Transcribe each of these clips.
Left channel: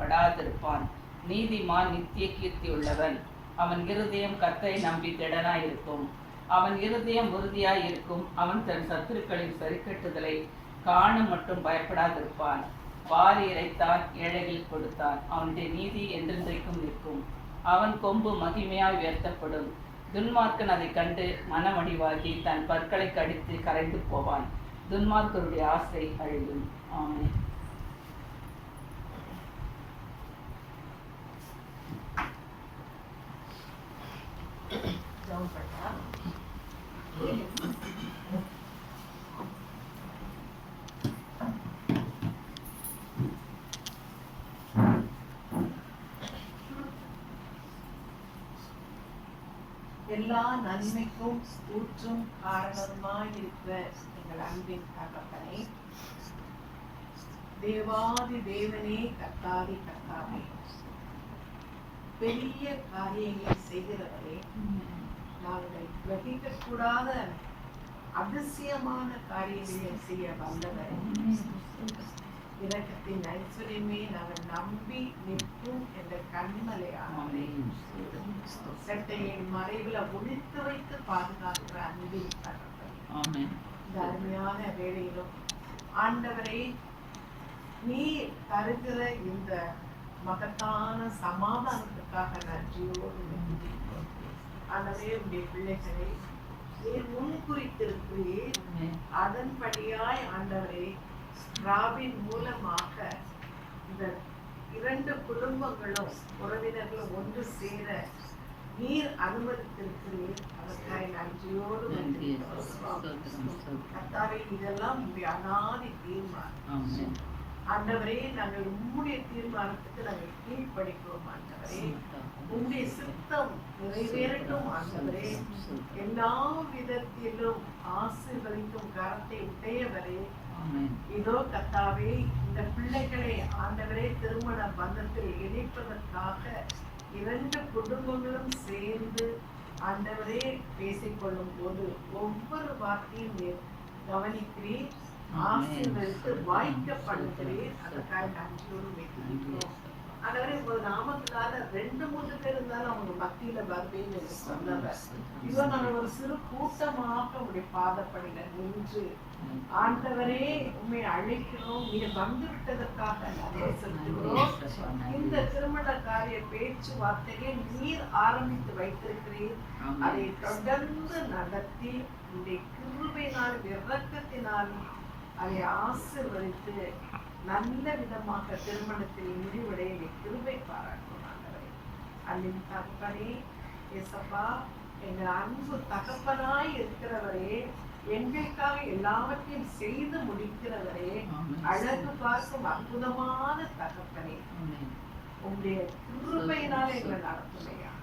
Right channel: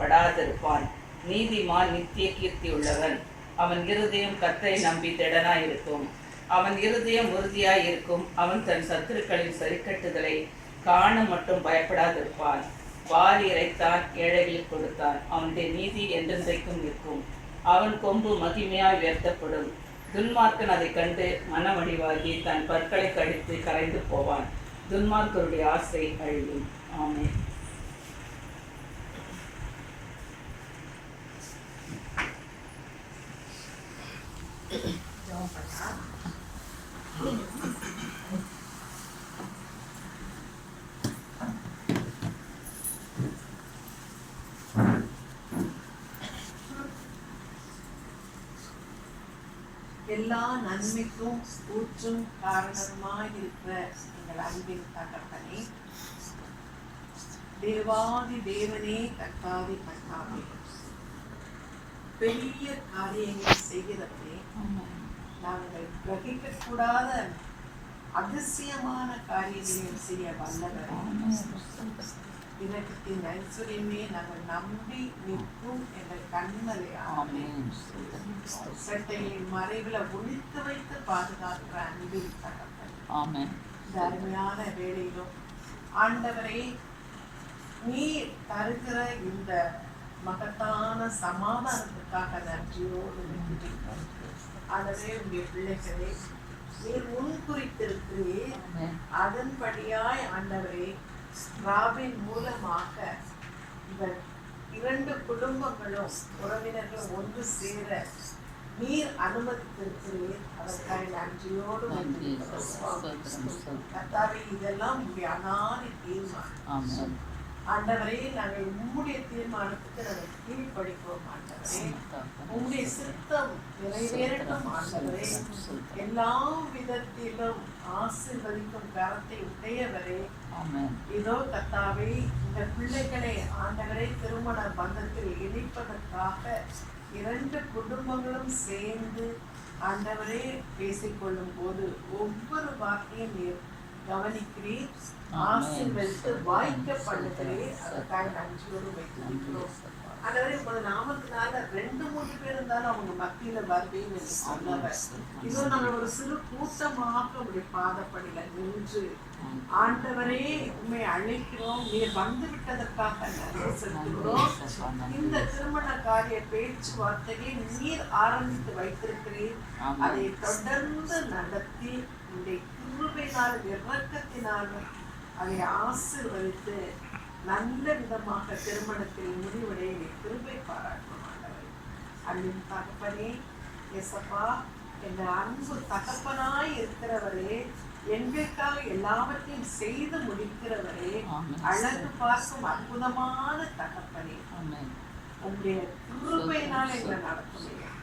படாதிருப்பான். நீதிமான் நித்திய கீர்த்தி உள்ளவன். அவன் இருதயம் கர்த்தரை நம்பி திடனாயிருக்கும். அவன் இருதயம் உறுதியாயிருக்கும். அவன் தன் சத்துருக்களின் சரிக்கட்டுதலை காண மட்டும் பயப்படாதிருப்பான். வாரி இறைத்தான், ஏழைகளுக்கு கொடுத்தான். அவனுடைய நீதி என்றென்றைக்கும் நிற்கும். அவன் கொம்பு மகிமையாய் உயர்த்தப்படும். துன்மார்க்கன் அதை கண்டு மனமடிவாகி தன் பற்களை கடித்து கரைந்து போவான். துன்மார்க்கருடைய ஆசை அழியும். ஆமென். எல்லா நன்மைக்கும் ஊற்றும் காரணமாயிருக்கிற எங்கள் அன்பின் தகப்பனே, தேவாதி தேவனே, கர்த்தாதி கர்த்தாவே, பெரிய காரியங்களை செய்கிறவரே, நாங்கள் கிரகிக்க கூடாத அதிசயமான காரியங்களை செய்ய வல்லவர். இரக்கத்தின் ஐஸ்வர்யமே நாங்கள் நம்பி நிற்கும் என்ற கண்மலை சட்டையின் மறைவில் ஒழித்து வைத்து பாதுகாக்கிற அன்பின் தகப்பன், இந்த அருமையான வேளையிலும் ஆண்டவரே, நீ தருகிற இந்த மகத்தான சமாதானத்துக்காக நன்றியோடு நிற்கிறோம். ஆகவே உடைய பிள்ளைகளே, நீர் முன் குறித்திருக்கிறீர். அதன்படியாய் ஆண்டவரே, ராபின் மூலமாக இந்த 2 குடும்பங்களும் உறவினர்களும் ஒன்று சேர நீர் அனுமதித்திருக்கிறீர். அதற்காக நன்றியோடு கர்த்தாவே, இதெல்லாம் உங்களுடைய அனாதி தீர்மானம். ஆண்டவரே, நாங்கள் உம்முடைய தீர்மானத்துக்கு நாங்கள் கீழ்ப்படிப்போம். ஆண்டவரே, உம்முடைய சித்தம் நிறைவேறட்டும். ஆண்டவரே, எல்லா விதத்திலும் ஆசீர்வதிக்கும் கரத்தை உடையவரே, இதோ கர்த்தாவே, இந்த பிள்ளைகளை ஆண்டவரே திருமண பந்தத்தில் இணைப்பதற்காக 2 குடும்பங்களும் சேர்ந்து ஆண்டவரே பேசிக்கொள்ளும் போது ஒவ்வொரு வார்த்தையும் நீர் கவனிக்கிறீர், ஆசீர்வதித்து வாய்க்க பண்ணுகிறீர். அதற்காக நன்றியோடு வைத்திருக்கிறோம். ஆண்டவரே, உங்களோட நாமத்தினால 2-3 பேர் இருந்தாலும் அவங்க மத்தியில வருவீங்க சொன்னவர். இதோ நாங்கள் ஒரு சிறு கூட்டமாக உங்களுடைய பாதப்படியில நின்று ஆண்டவரே உண்மை அழைக்கிறோம். நீர் வந்து விட்டதற்காக நன்றி செலுத்துகிறோம். இந்த திருமண காரிய பேச்சுவார்த்தைகளை நீர் ஆரம்பித்து வைத்திருக்கிறீர். அதை தொடர்ந்து நடத்தி உங்களுடைய கிருபையினாலும் இரக்கத்தினாலும் அதை ஆசீர்வதித்து நல்ல விதமாக திருமணத்தில் முடிவடைய கிருபை பாராட்டும். அன்பின் தகப்பனே, ஏசப்பா, எங்க அன்பு தகப்பனாய் இருக்கிறவரே, எங்களுக்காக எல்லாவற்றையும் செய்து முடிக்கிறவரே, அழகு பார்க்கும் அற்புதமான தகப்பனே, உங்களுடைய கிருபையினால் எங்களை நடத்துமையா.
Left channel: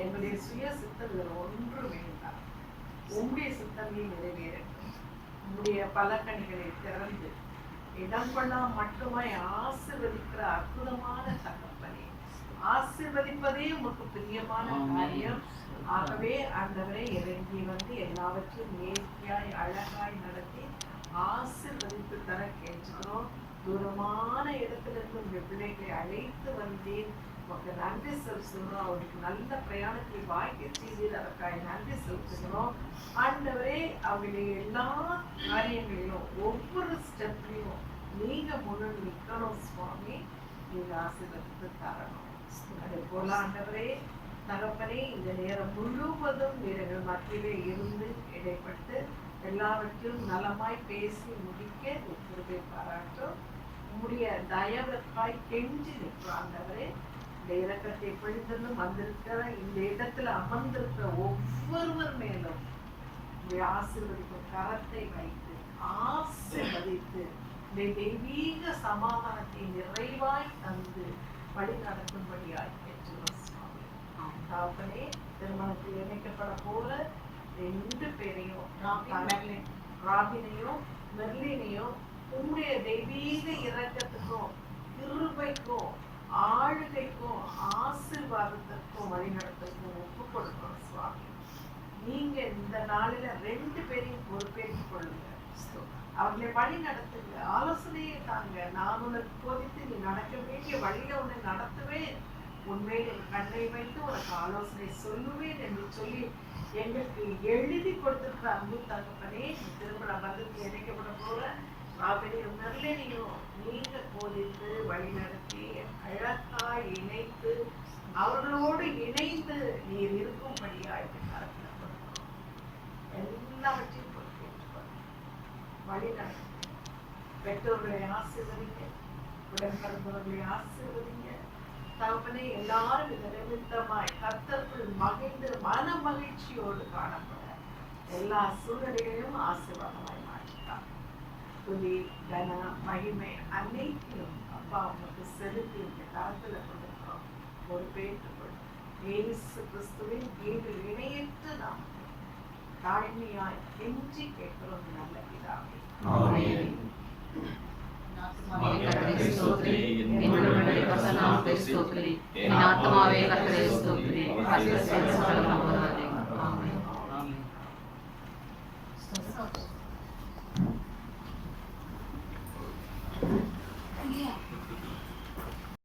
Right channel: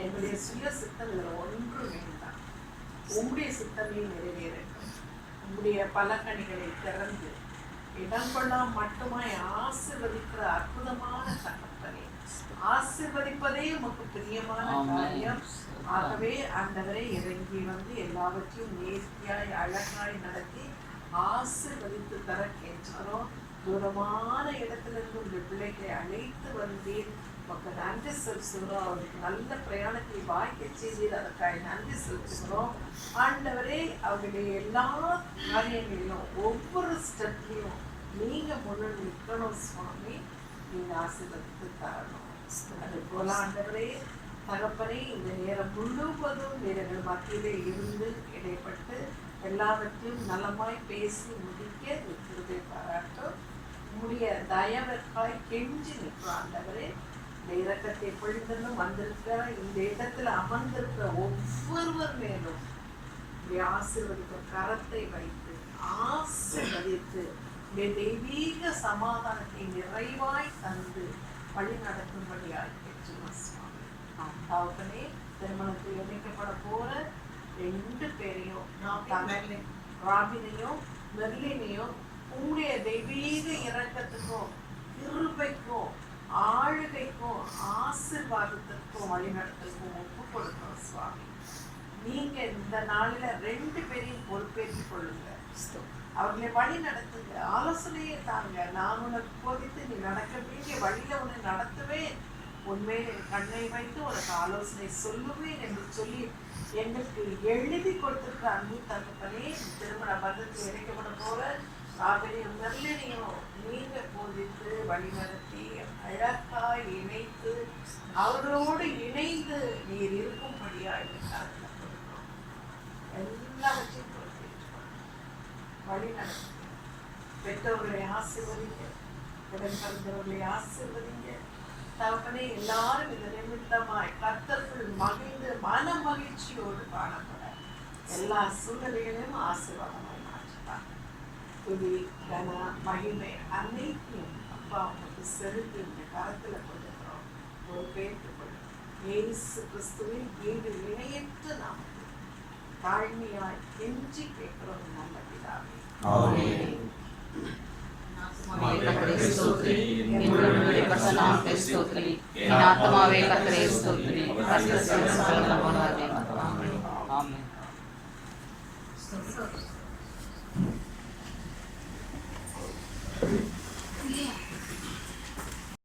எங்களுடைய சுய சித்தம் இதில் ஒன்று வேண்டாம். உங்களுடைய சித்தமே நிறைவேறட்டும். உங்களுடைய பலகணிகளை திறந்து இடம் கொள்ளாம மட்டுமாய் ஆசீர்வதிக்கிற அற்புதமான தகப்பனே, ஆசீர்வதிப்பதே உமக்கு பிரியமான காரியம். ஆகவே ஆண்டவரை இறங்கி வந்து எல்லாவற்றையும் நேர்த்தியாய் அழகாய் நடத்தி ஆசீர்வதித்து தர கேட்கிறோம். தூரமான இடத்திலிருந்து உங்களுடைய பிள்ளைகளை அழைத்து வந்தேன். உமக்கு நன்றி செலுத்துகிறோம். அவருக்கு நல்ல பிரயாணத்தை வாய்க்க செய்தீர். அதற்காக நன்றி செலுத்துகிறோம். ஆண்டவரே, அவருடைய எல்லா காரியங்களிலும் ஒவ்வொரு ஸ்டெப்லையும் நீங்க முன்னாடி நிற்கணும் சுவாமி. நீங்க ஆசீர்வதித்து தரணும். அது போல ஆண்டவரே தகப்பனே, இந்த நேரம் முழுவதும் வீரர்கள் மத்தியிலே இருந்து இடைப்பட்டு எல்லாவற்றையும் நலமாய் பேசி முடிக்க கிருபை பாராட்டும். உம்முடைய தயவிற்காய் கெஞ்சி நிற்கிறோம். ஆண்டவரே, இந்த இரக்கத்தை பொழிந்ததும் வந்திருக்கிற இந்த இடத்துல அமர்ந்திருக்கிற ஒவ்வொருவர் மேலும் ஆசீர்வதிக்கும் கரத்தை வைத்து ஆசீர்வதித்து தெய்வீக சமாதானத்தை நிறைவாய் தந்து வழி நடக்கும்படியாய் பெற்றுள்ளோம் சுவாமி. தகப்பனே, திருமணத்தில் இணைக்கப்பட போற 2 பேரையும் ராபினையும் மெர்லினையும் உங்களுடைய தெய்வீக இரக்கத்துக்கும் கிருபைக்கும் ஆளுகைக்கும் ஆசீர்வாதத்திற்கும் வழிநடத்துக்கும் ஒப்பு கொடுக்கிறோம் சுவாமி. நீங்க இந்த நாளில 2 பேரையும் பொறுப்பேற்றுக் கொள்ளுங்க. அவர்களை வழி நடத்துங்க, ஆலோசனையை தாங்க. நான் உனக்கு போதித்து நீ நடக்க வேண்டிய வழியில உன்னை நடத்துவேன், உன்மேல் என் கண்ணை வைத்து உனக்கு ஆலோசனை சொல்லுவேன் என்று சொல்லி எங்களுக்கு எழுதி கொடுத்திருக்கிற அன்பு தகப்பனே, திருமண பந்தத்தில் இணைக்கப்பட போற ஆகலையும் நெருளையும் நீங்க போதித்து வழி நடத்தி அழகா இணைத்து அவர்களோடு இணைந்து நீர் இருக்கும்படியா எல்லாவற்றையும் வழி நடத்தி பெற்றோர்களை ஆசீர்வதிங்க, உடன் பிறந்தவர்களை ஆசீர்வதிங்க தகப்பனே. எல்லாரும் இந்த நிமித்தமாய் கர்த்தருக்குள் மகிழ்ந்து மன மகிழ்ச்சியோடு காணப்பட எல்லா சூழ்நிலைகளையும் ஆசீர்வாதமாய் மாற்றிட்டாங்க. துதி கன மகிமை அனைத்தையும் அப்பா உங்களுக்கு செலுத்தி இந்த காலத்தில் கொடுக்கிறோம். ஒரு பேற்றுக்கொள் இயேசு கிறிஸ்துவின் வீடு இணையற்று நாம் தாழ்மையாய் கெஞ்சி கேட்கிறோம் நல்ல பிதாவே. கர்த்தரே ஸ்தோத்திரி, என்னுடைய வெளிப்பட்ட நாமத்தை ஸ்தோத்திரி, என் ஆத்துமாவே கர்த்தரே ஸ்தோத்திரி, கர்த்தர் செய்த சகல நன்மைகளுக்காக. ஆமென். ஆமென்.